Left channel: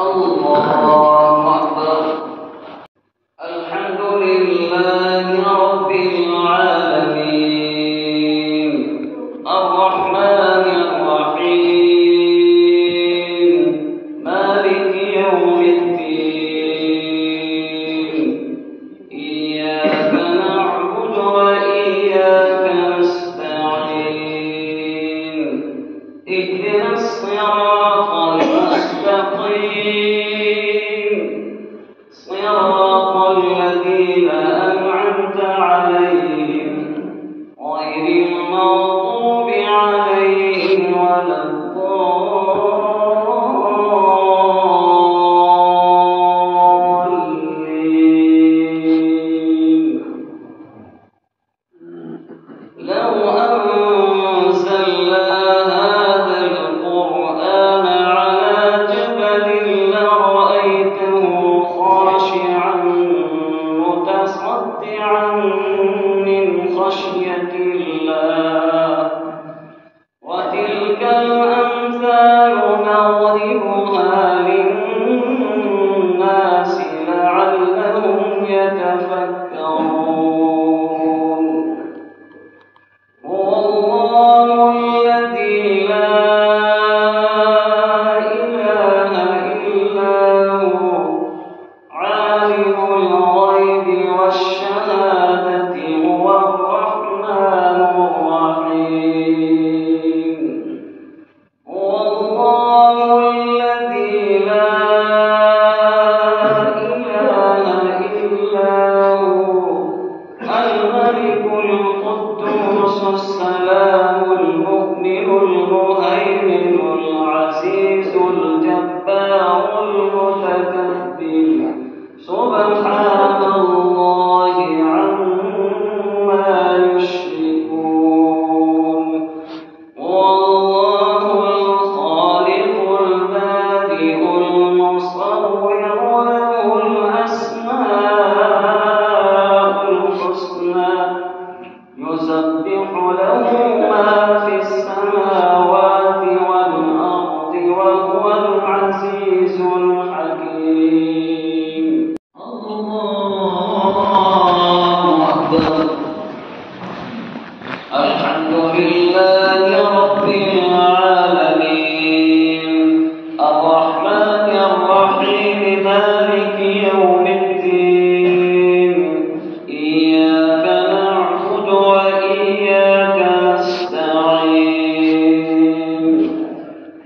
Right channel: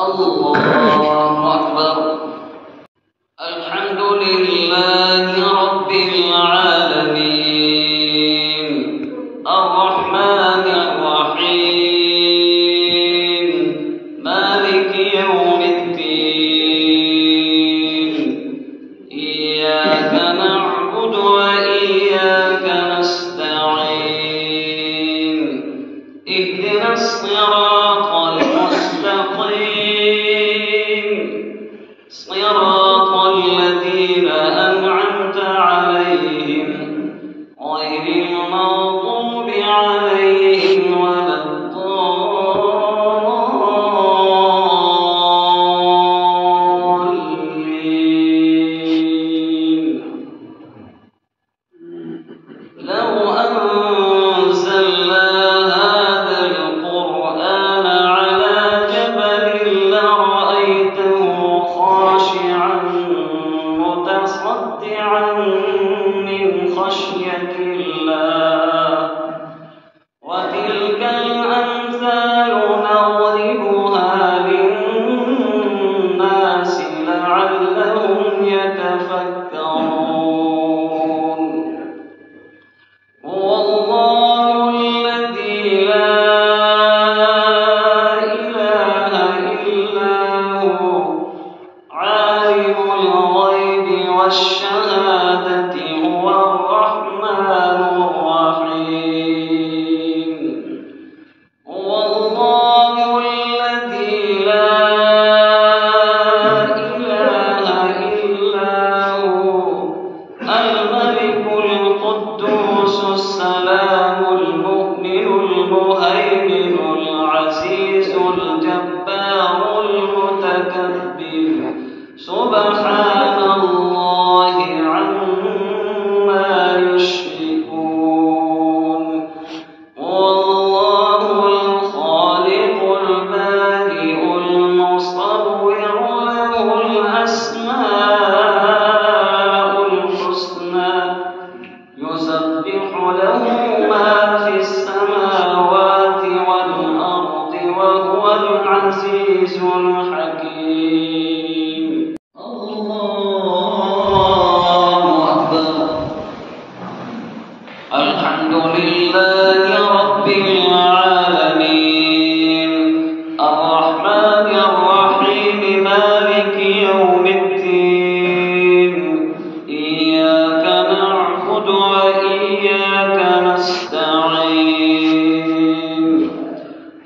الله أكبر. الحمد لله رب العالمين الرحمن الرحيم مالك يوم الدين إياك نعبد وإياك نستعين اهدنا الصراط المستقيم صراط الذين أنعمت عليهم غير المغضوب عليهم ولا الضالين. لو أنزلنا هذا القرآن على جبل لرأيته خاشعا متصدعا من خشية الله وتلك الأمثال نضربها للناس لعلهم يتفكرون. هو الله الذي لا إله إلا هو عالم الغيب والشهادة هو الرحمن الرحيم. هو الله الذي لا إله إلا هو الملك القدوس السلام المؤمن المهيمن العزيز الجبار المتكبر سبحان الله عما يشركون. والله الخالق البارئ المصور له الأسماء الحسنى يسبح له ما في السماوات والأرض وهو العزيز الحكيم. الله أكبر. الحمد لله رب العالمين الرحمن الرحيم مالك يوم الدين إياك نعبد وإياك نستعين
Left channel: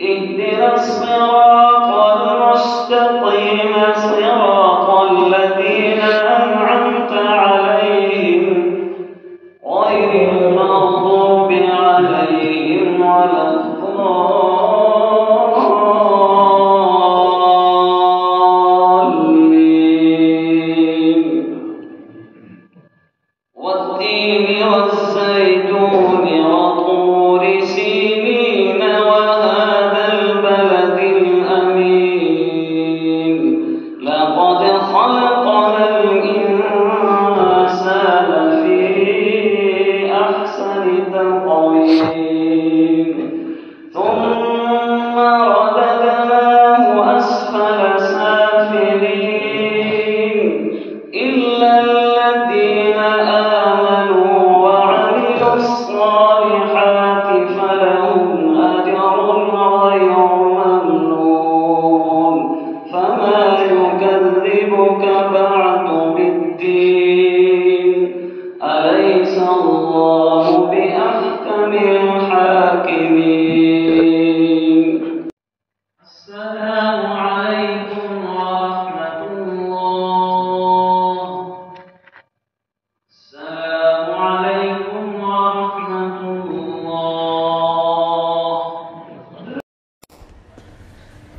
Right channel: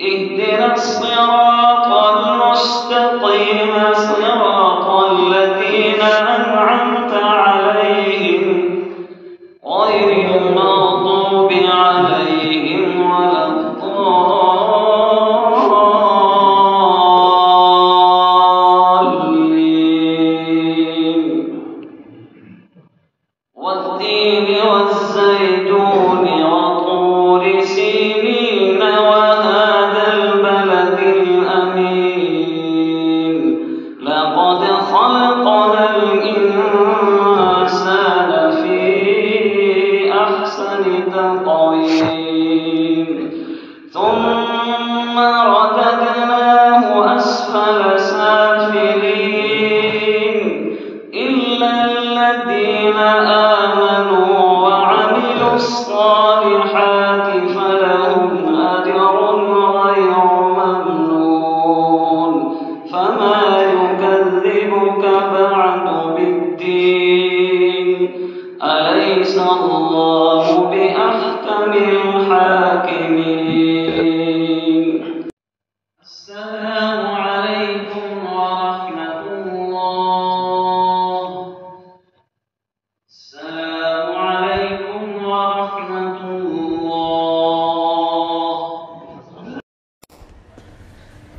اهدنا الصراط المستقيم صراط الذين أنعمت عليهم غير المغضوب عليهم ولا الضالين. والتين والزيتون وطور سينين وهذا البلد الأمين لقد خلقنا الإنسان في أحسن تقويم ثم رددناه أسفل سافلين إلا الذين آمنوا وعملوا الصالحات فلهم أجر غير ممنون. فما يكذبك بعد بالدين أليس الله بأحكم الحاكمين. السلام عليكم ورحمة الله. السلام عليكم ورحمة الله.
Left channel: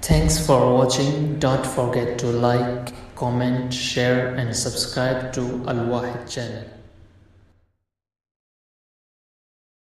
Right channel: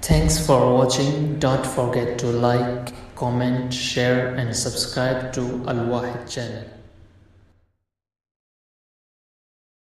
Thanks for watching. Don't forget to like, comment, share and subscribe to Al Wahid channel.